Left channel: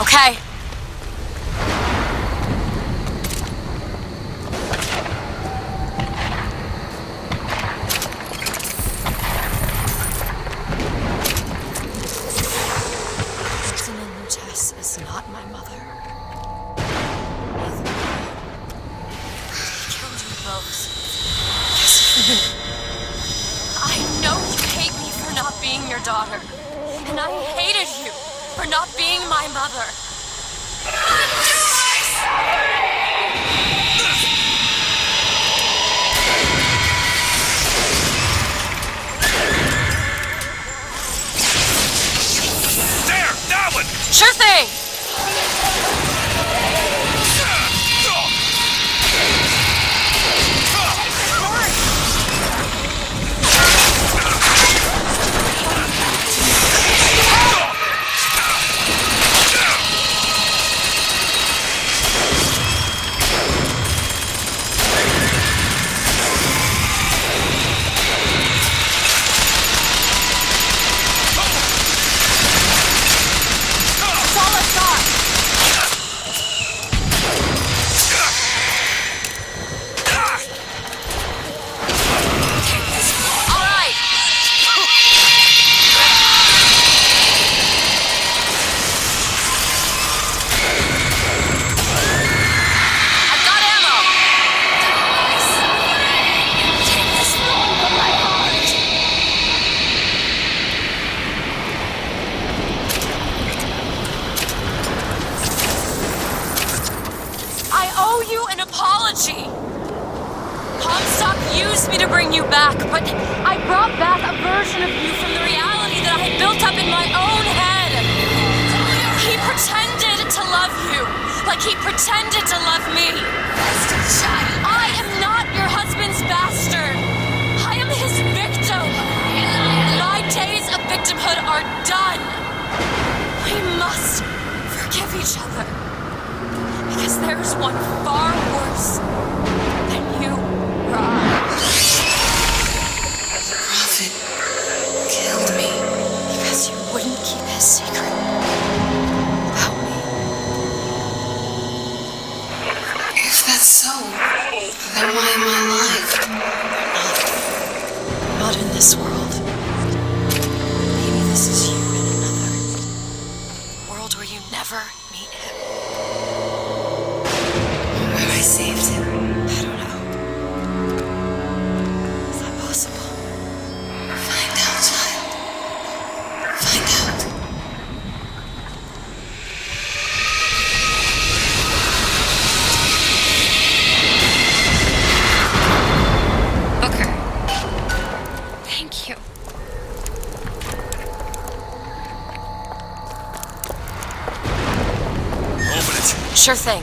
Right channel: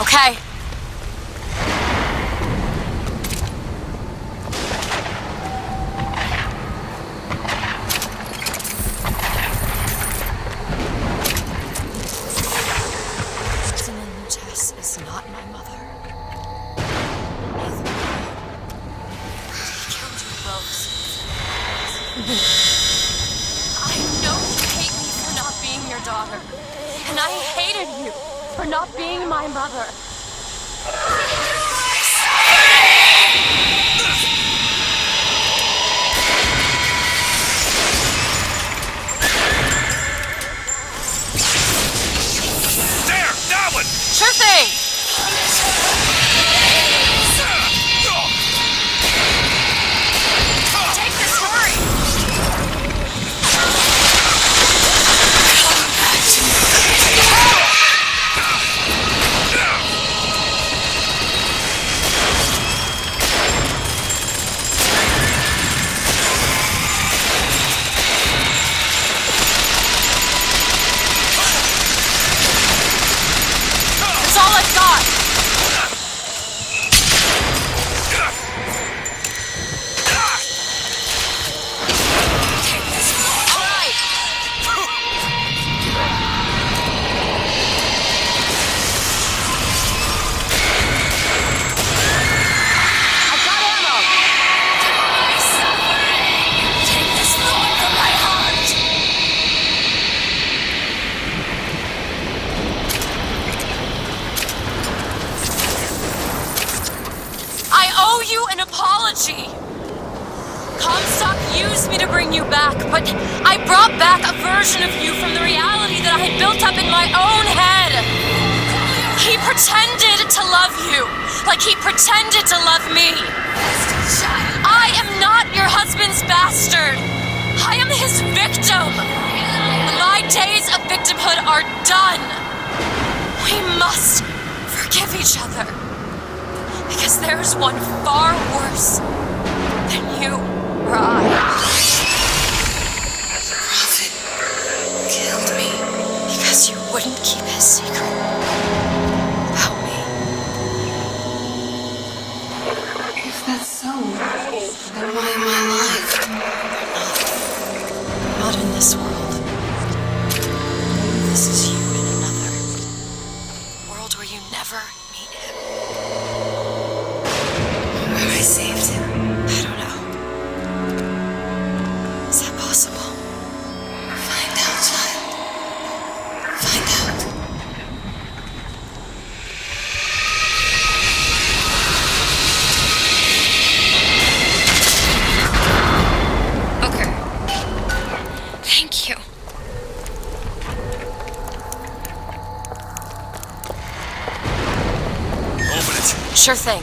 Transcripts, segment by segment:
Okay. Is not my mother. Neither am I. He killed you both. Because of me. I know you hate me for not being your daughter. And I hated you for not being my mother. There! That one! Sure thing! That's all I've got! Comstock used me to bring you back, but I brought back a version of you from the reality that I had built up in my own head. He pretended to love you, like he pretended to love me. I am not your husband's bastard. I am his victim. My days of victimhood are done. We must forgive each other. Because there's one far worse than you or I. The prophet killed me. Because you wouldn't keep his secret about me. If that's so, then why am I alive? Not in this world. Maybe this is you in another. A world where you never meet him. Where I saved him. I don't know. Is that possible? Find out, child. Find out. Booker. Thank you. Open it. Sure thing.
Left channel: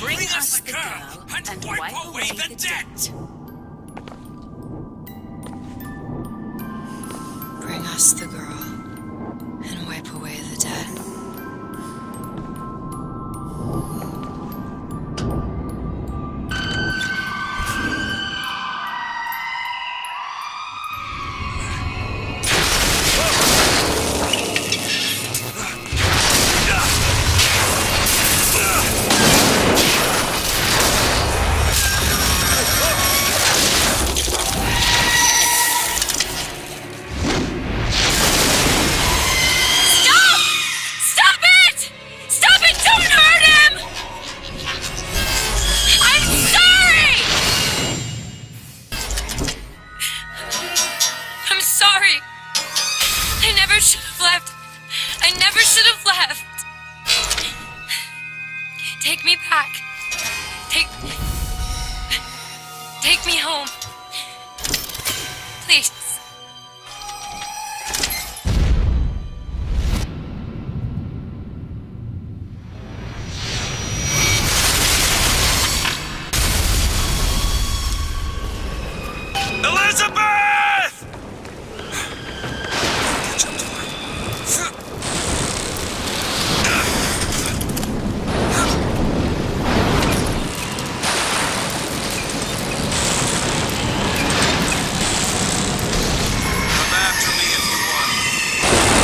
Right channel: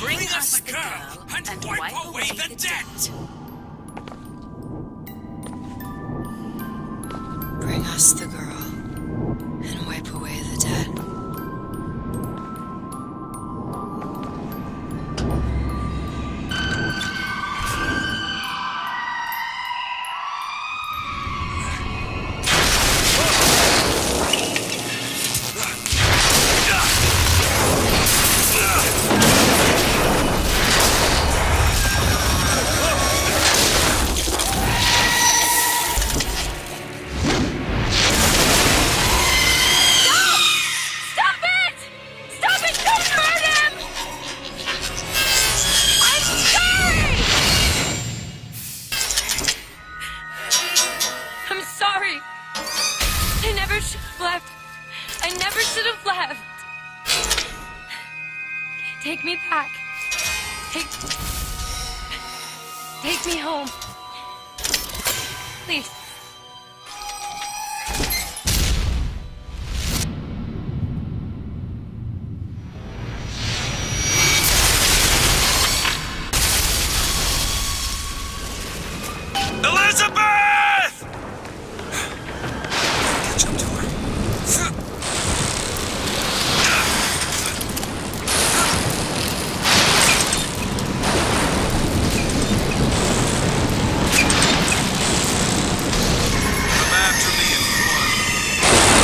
Bring us the girl and wipe away the debt. Bring us the girl and wipe away the dead. I'm sorry. I never should have left. I never should have left. Take me back. Take me home. Please. Elizabeth! Catch up to her. Come after me if you want.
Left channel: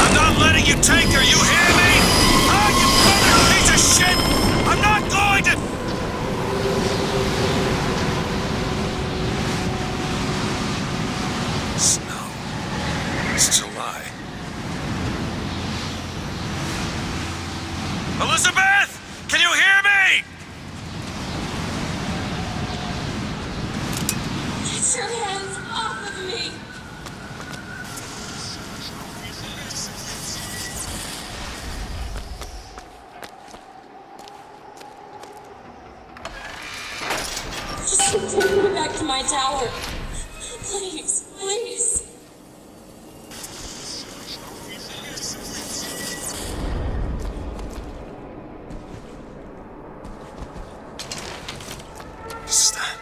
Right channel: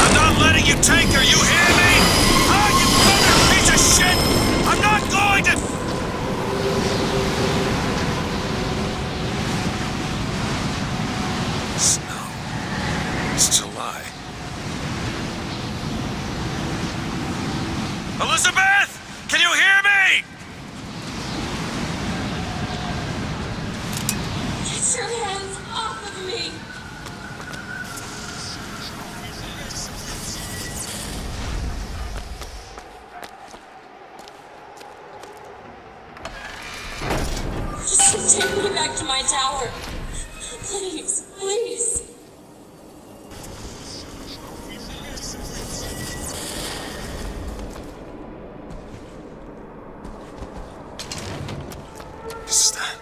I'm not letting you take her, you hear me? Ah, you fucking piece of shit! I'm not going to... Snow. It's July. Elizabeth! Can you hear me? Get your hands off of me! Just take me back to my tower. Please, please. Is that...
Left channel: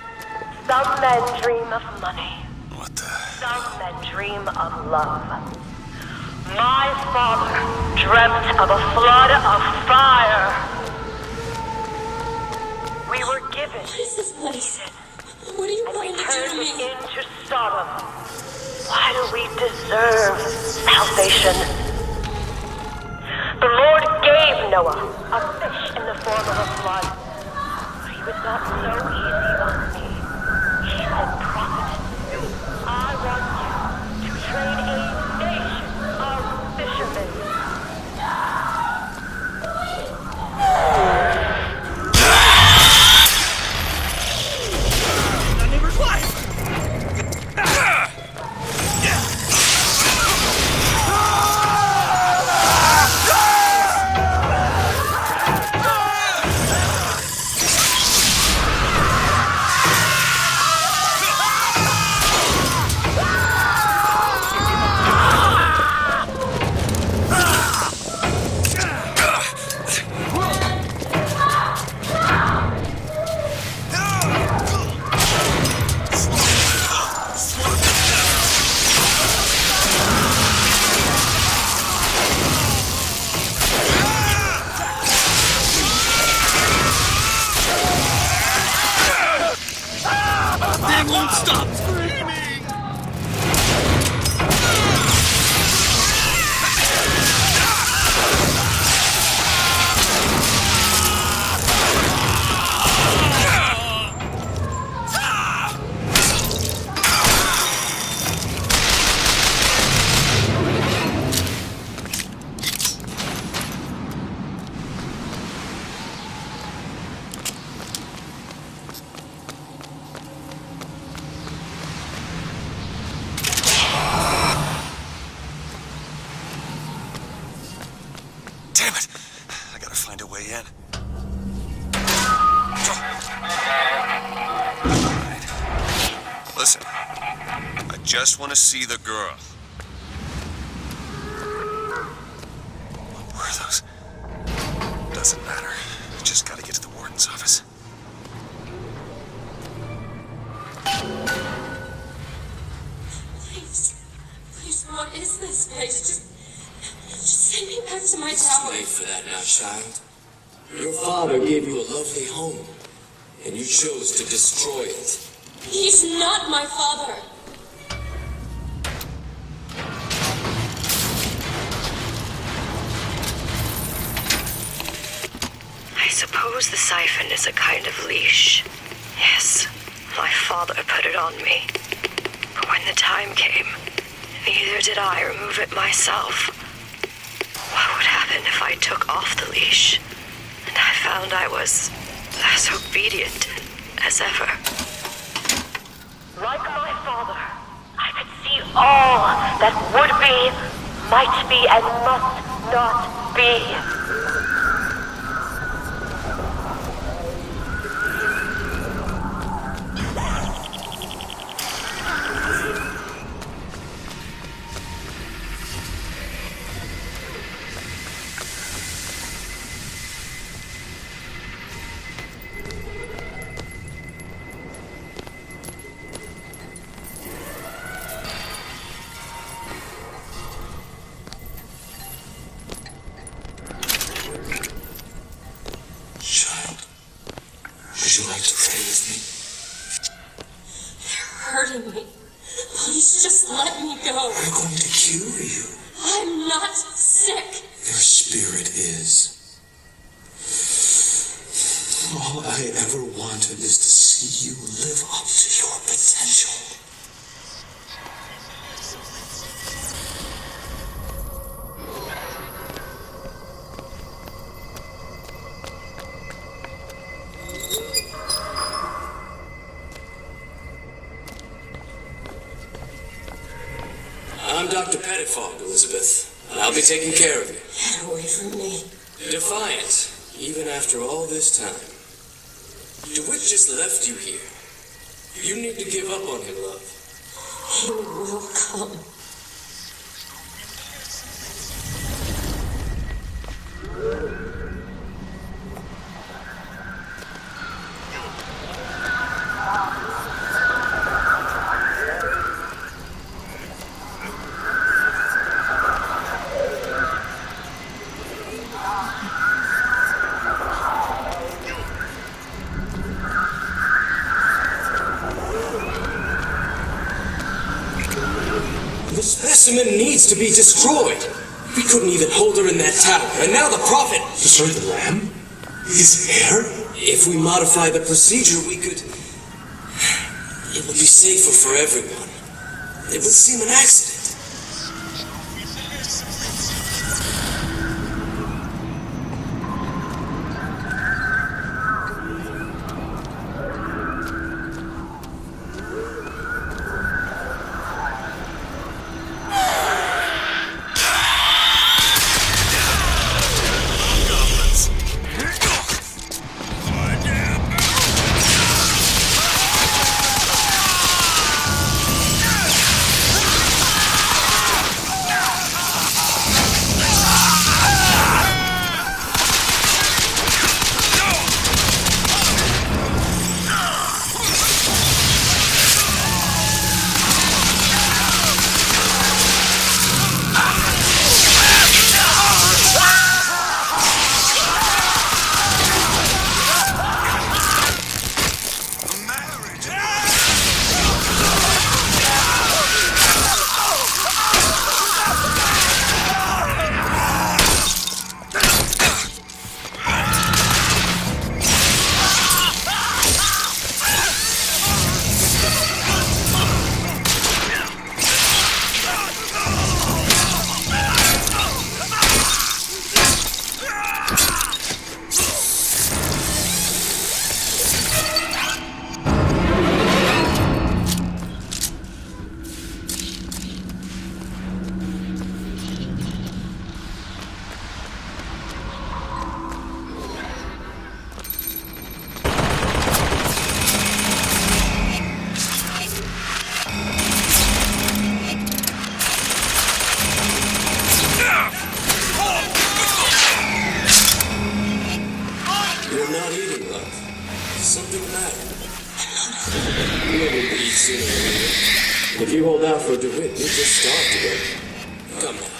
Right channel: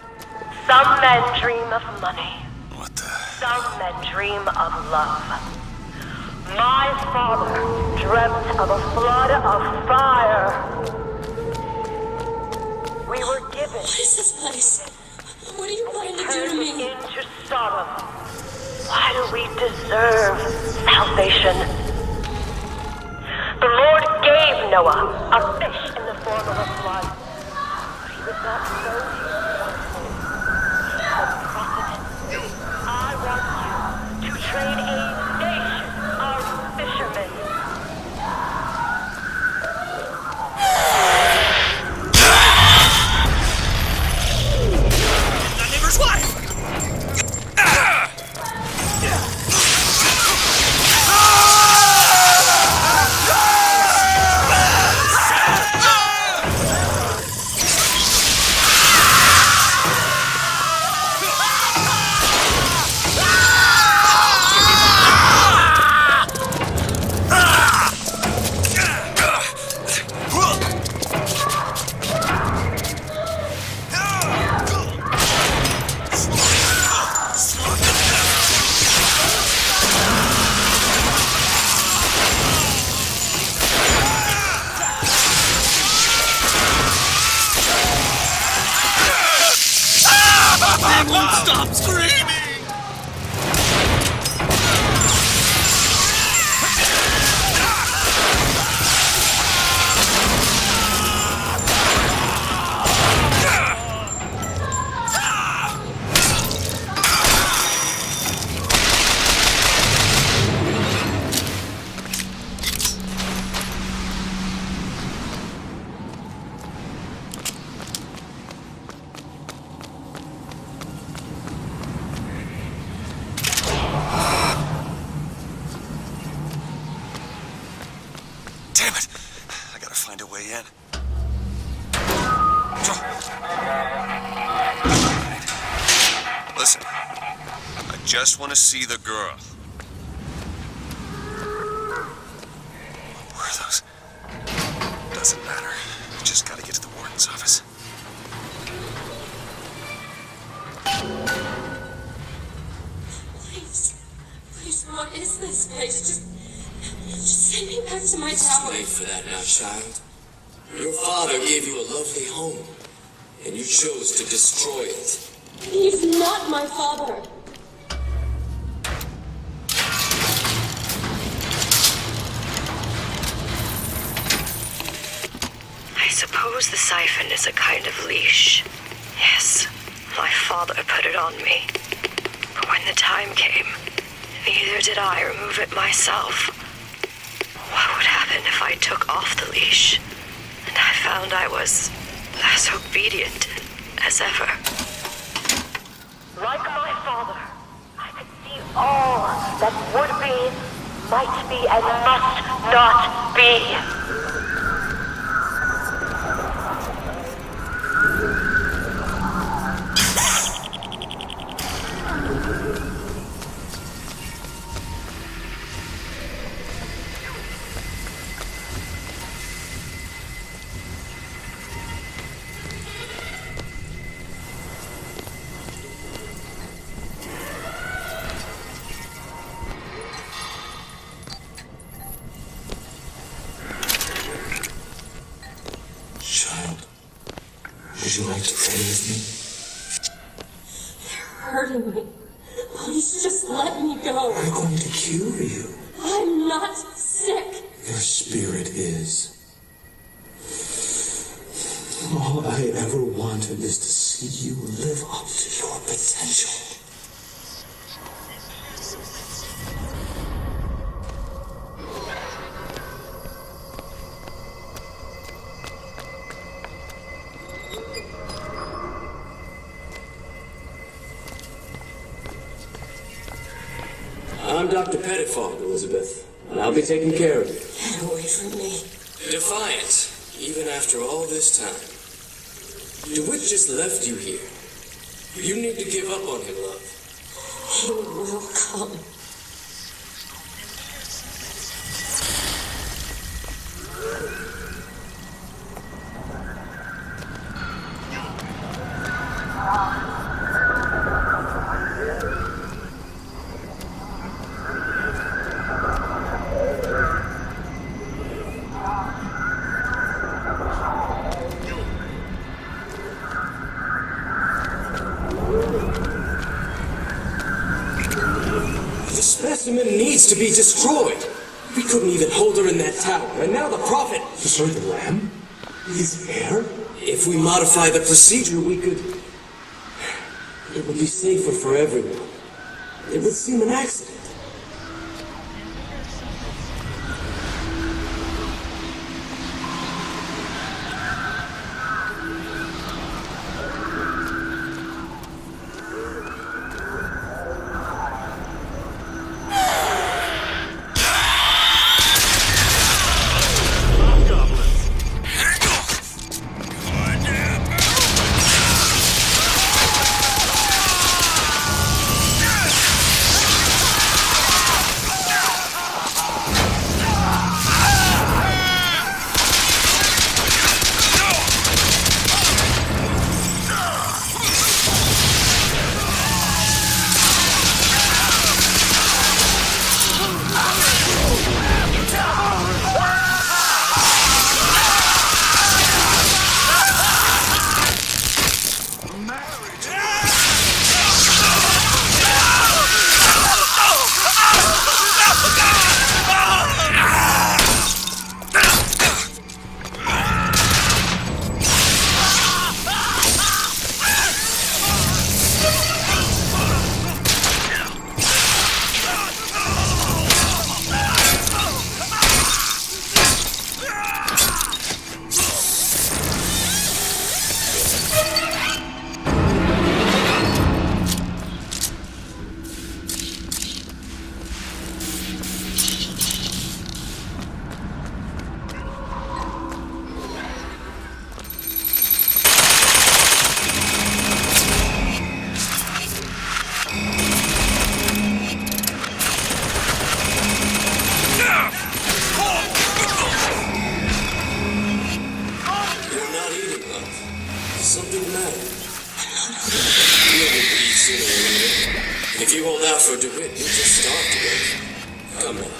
Some men dream of money. What the... Some men dream of love. My father dreamt of a flood of fire. We were given. What is this place? What are you going to do to turned me? into Sodom. Why do we deserve salvation? The Lord gave Noah a fish in the form of a flood. But he was not so easy on me. He said, "Prophet, I want you to train a nation of fishermen." My neighbor's wife! They won't stop screaming! Damn it! I gotta find a way in. Alright. Listen, I just want to see the girl. What were those? Doesn't matter. I just gotta get to the warden's office. Please, what is this place? Just send me back to my tower. It's late for that now, child. Your father gave you a lovely home, and you chose to destroy it. He's not my father. I suppose the siphon is a kind of leash. Yes, my father put it on me. But when the time came, neither did I remove it myself. What would happen if I took off the leash, and I found I was as obedient as ever? Like my father, I could see all that would be, might be, and must not be. Child, would you like to play with me? You're hurting me. Please just let me go. We're going to cure you. I'm not sick. Your spirit is. All I ever wanted is to see you live up to your potential. I'm Dr. Pettifog, Elizabeth, and I'll be taking care of you. Get away from me. Defiant, even after all this time. DeWitt just left you here. You need to give up on him, love. He will come. The specimen needs to be destroyed. We couldn't even hold her in that tower, and now the Prophet... Destroy the lamb? His heir? If we modify the procedure, we could... It would be safer for everyone. It would seem an accident. You're not eating, love. Something the matter. You will eat sooner or later. If you hold out for DeWitt, you'll just starve to death. Come now.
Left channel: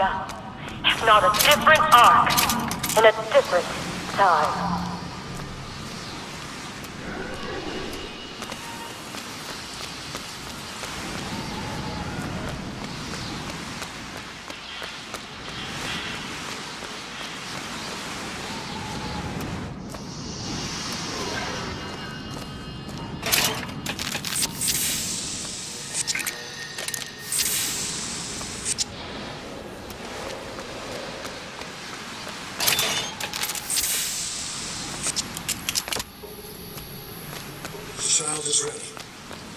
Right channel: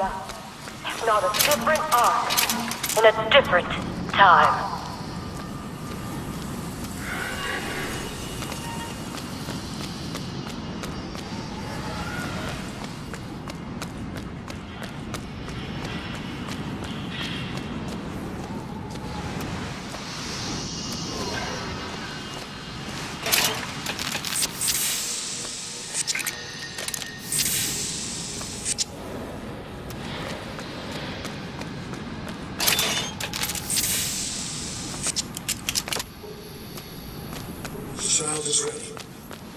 utopia, if not a different arc, in a different time. The child is ready.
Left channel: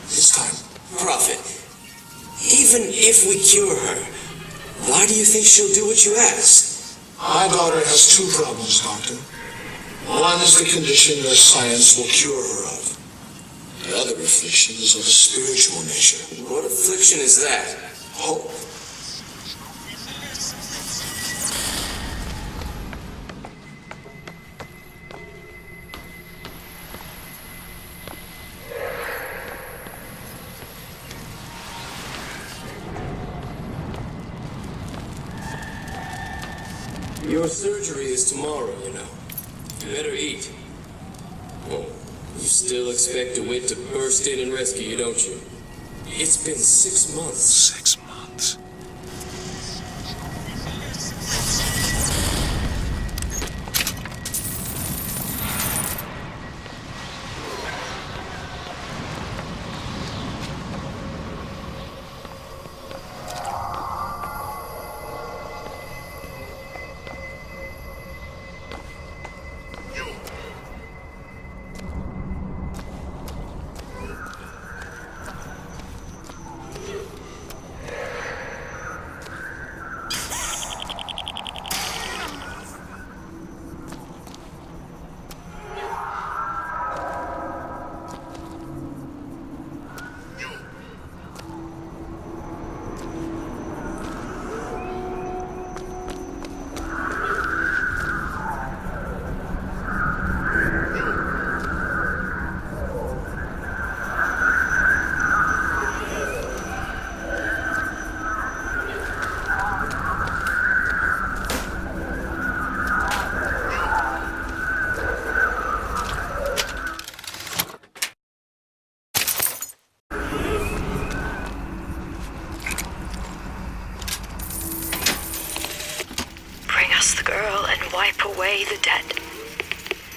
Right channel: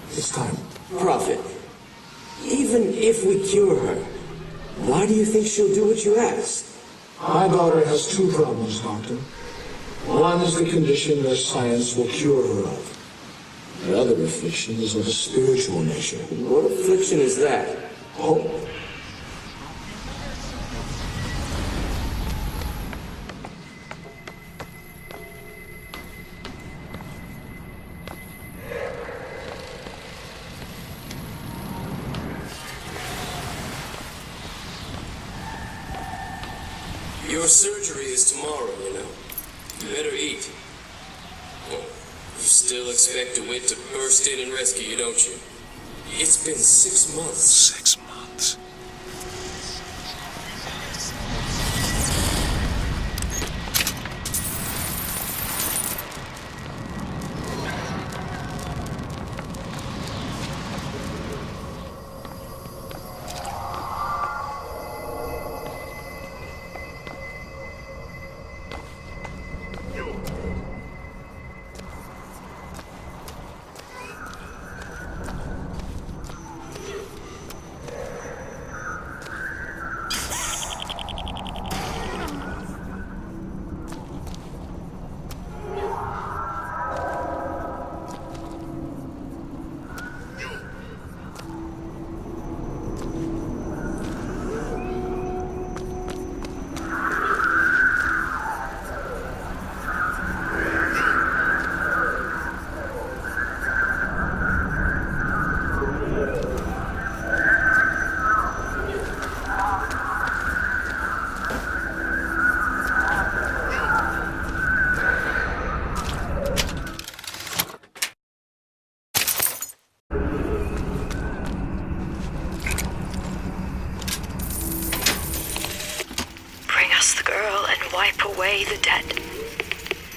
It's time. Prophet, even if we cure her, why do you think she'll do what you ask? My daughter has two problems, Doctor. One is the condition that science will cure her of. The other affliction is of a spiritual nature. What affliction is that? Hope. Your surgery is tomorrow, you know. You better eat. Oh, you still expect DeWitt to burst in and rescue you, don't you? It's been 6 months. 6 months. Away the dead.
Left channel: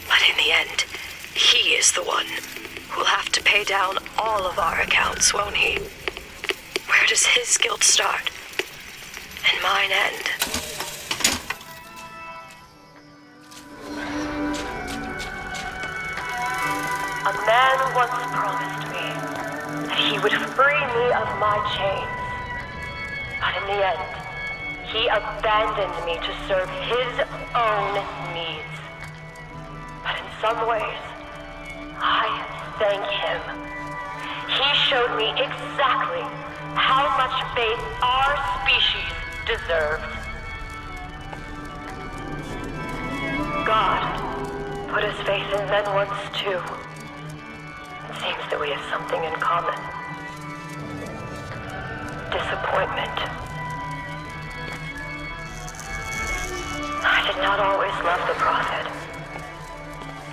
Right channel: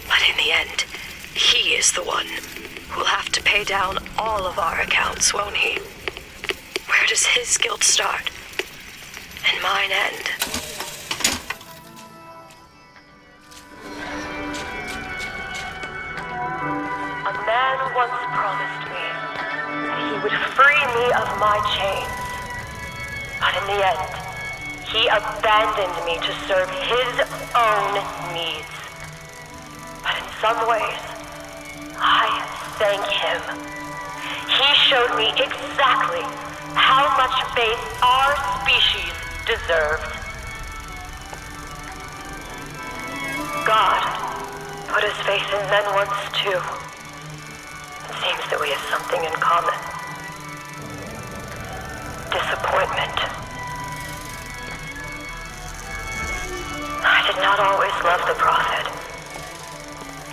But in the end, he is the one who'll have to pay down all of our accounts, won't he? Where does his guilt start? And mine end? A man once promised me that he would free me of my chains. But in the end, he abandoned me to serve his own needs. But in some ways, I thank him. He showed me exactly how much faith our species deserved. God put his faith in men once too. It seems that we have something in common. Disappointment. I did not always love the prophet.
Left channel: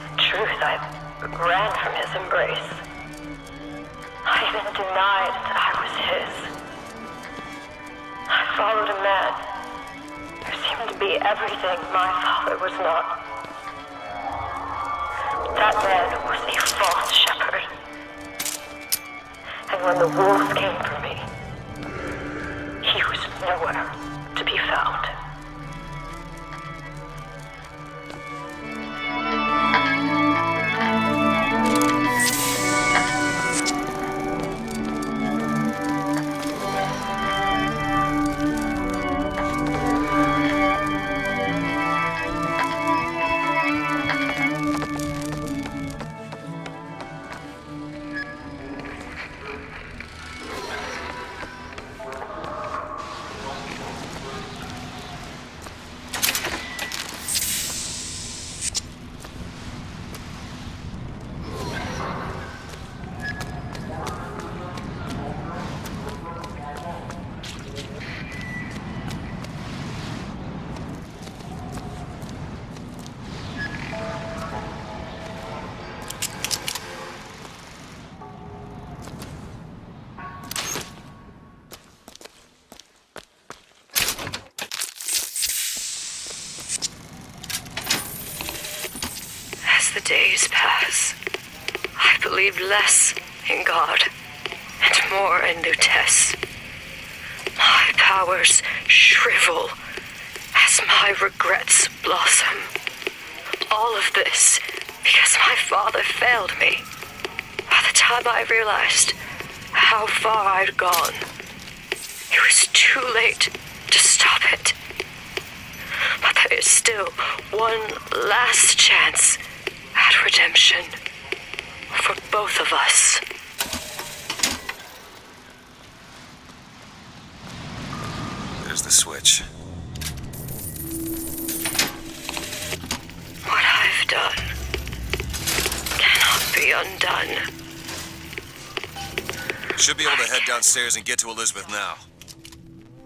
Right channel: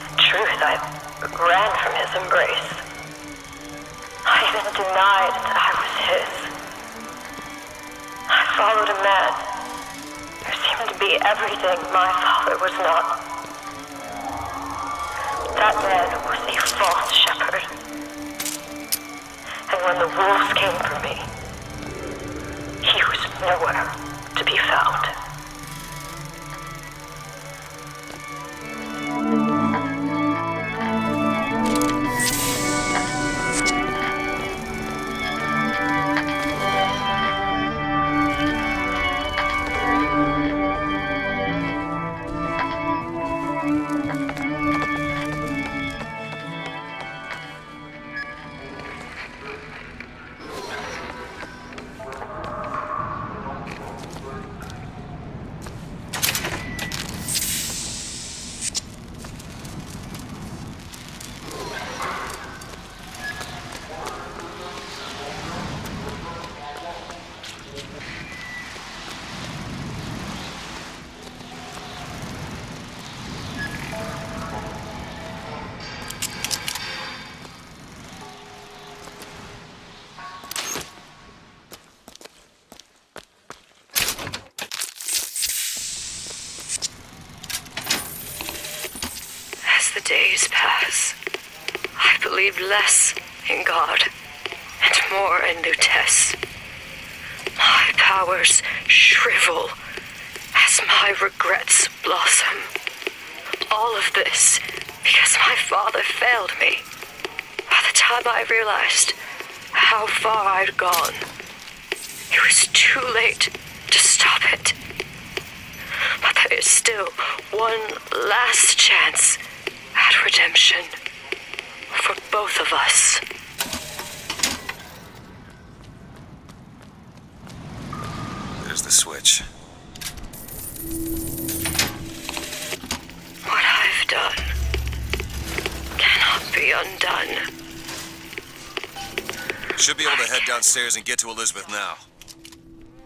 In truth, I ran from his embrace. I even denied that I was his. I followed a man who seemed to be everything my father was not. That man was a false shepherd. And when the wolves came for me, he was nowhere to be found. believed less in God and more in Lutece. My powers shrivel as my regrets blossom. All of this because my father failed me. By the time I realized how far I'd gone, it was too late to stop it. But there is still one last chance at redemption for both of us. There's the switch. What I've done cannot be undone. Should be able to head downstairs and get to Elizabeth now.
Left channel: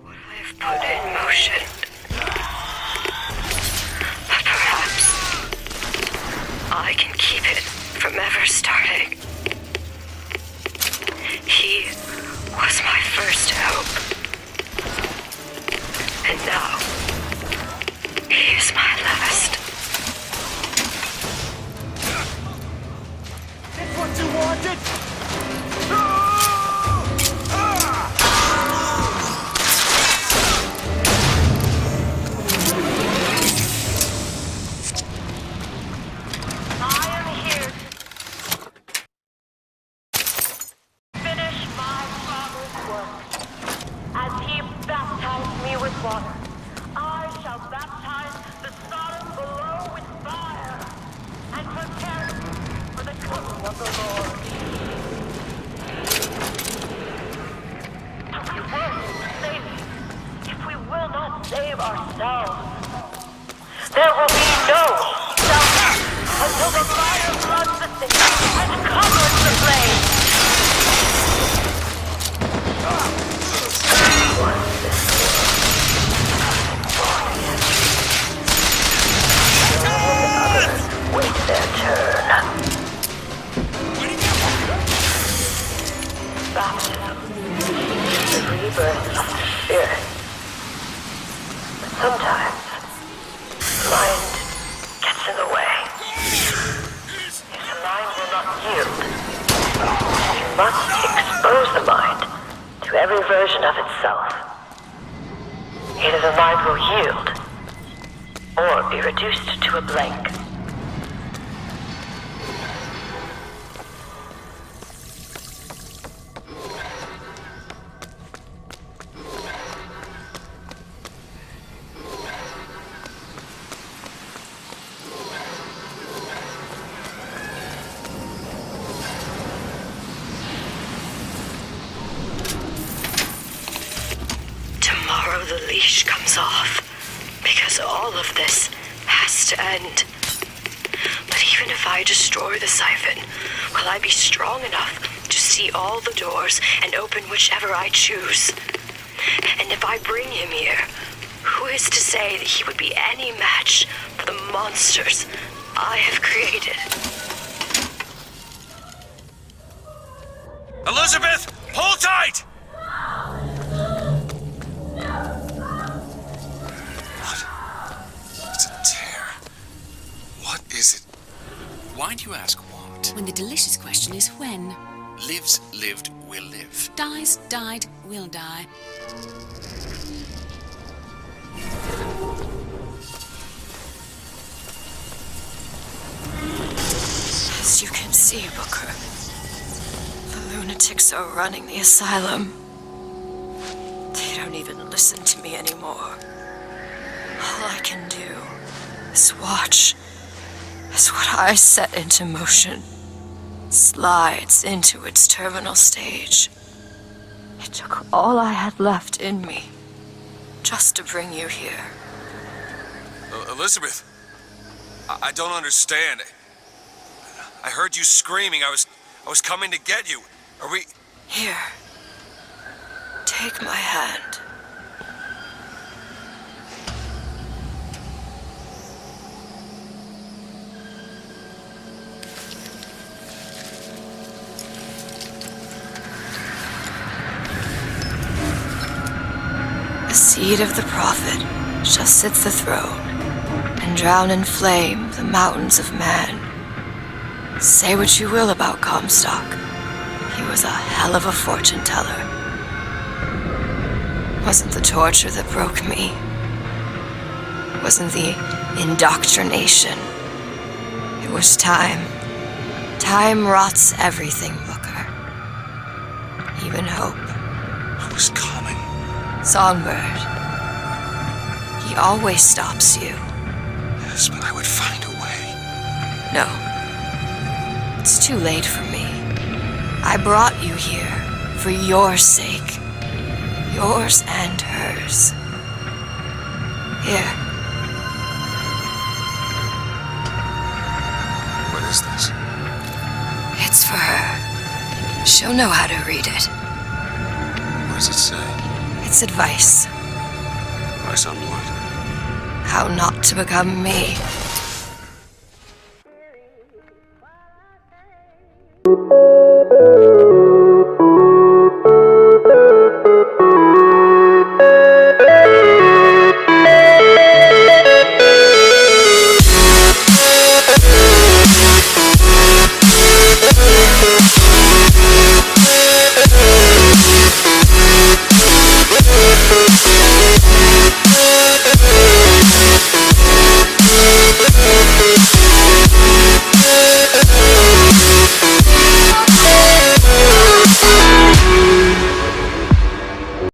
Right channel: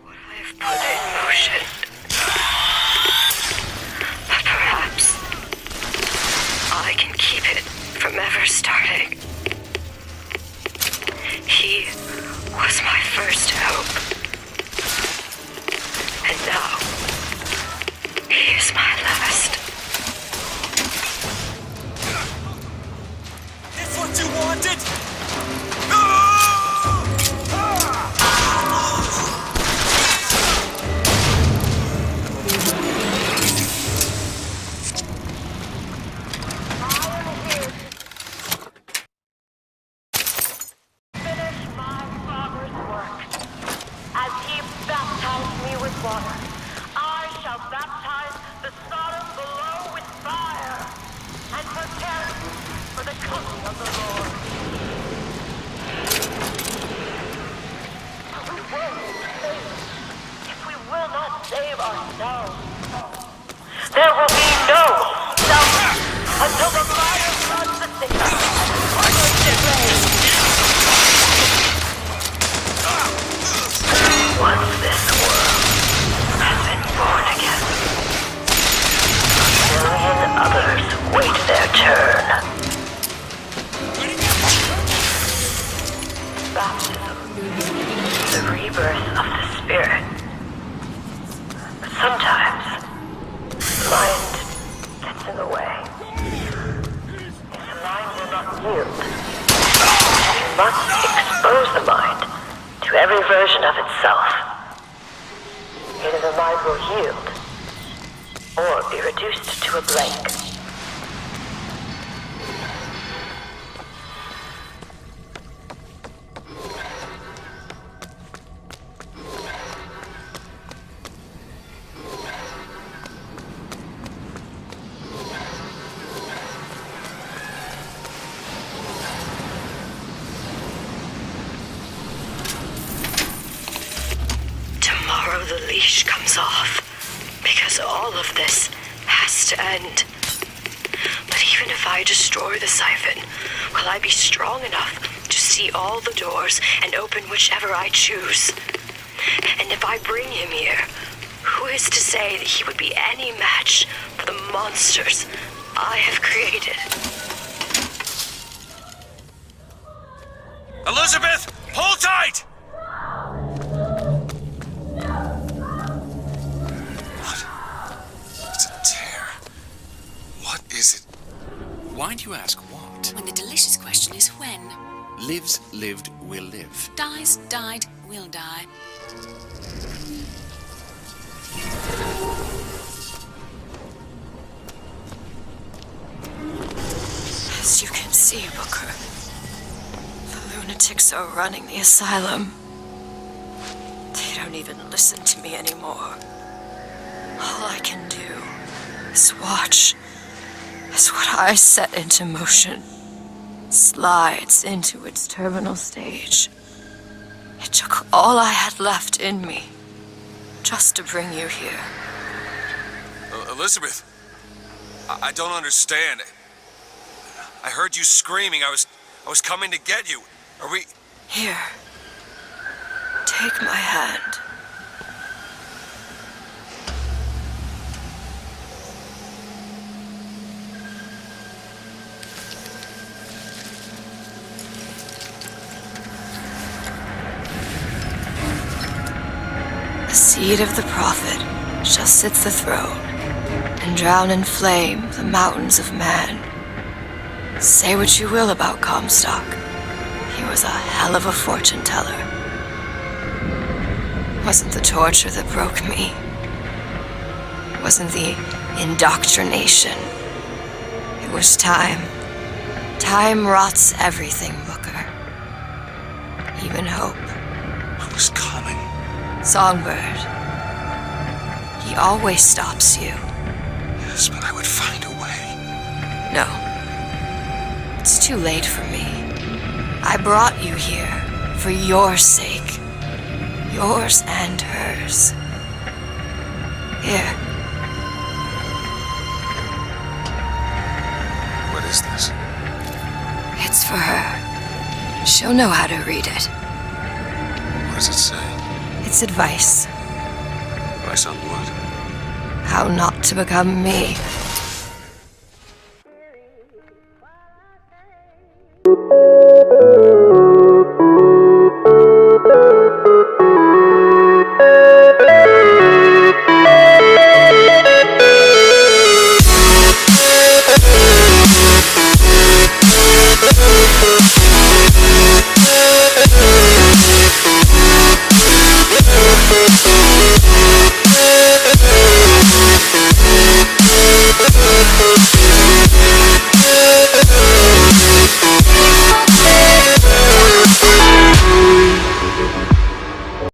What I've put in motion. But perhaps I can keep it from ever starting. He was my first hope. And now, he is my last. That's what you wanted? There will be no self until the fire floods the city and covers the blaze. Once this world has been born again, a million others wait their turn. Baptism, the rebirth of the spirit. But sometimes mind gets in the way. If the mind will not yield, you must expose the mind to every version of itself. Either the mind will yield, or be reduced to a blank. The leash comes off, because all of this has to end. But even if I destroy the siphon, will I be strong enough to see all the doors and open whichever I choose? And if I bring him here, who is to say that he would be any match for the monsters I have created? Elizabeth, hold tight! Is it? Why do you ask what? When the delicious question is when. Lives, lived, will live. Dies, died, will die. As you can see, Booker, the lunatics are running the asylum. They don't even listen to me anymore. All I can do is watch as what I set into motion slides into its terminal stage. It took all I had left in me just to bring you here. Elizabeth, I don't understand. I heard you screaming. I was coming to get you. Are we... Here. Take my hand. The seed of the prophet shall sit the throne, and drown in flame the mountains of man. Say what you will about Comstock. He was a hell of a fortune teller. Wasn't the torture that broke me. Wasn't the indoctrination. It was time. Time rots everything, Booker. Even hope. I was coming. Songbird. He always stops you. Yes, but I would find a way. No. It's too late for me. I brought you here for your sake. Yours and hers. Here. What is this? It's for her. She'll know how to read it. What does it say? It's advice. Advice on what? How not to become me.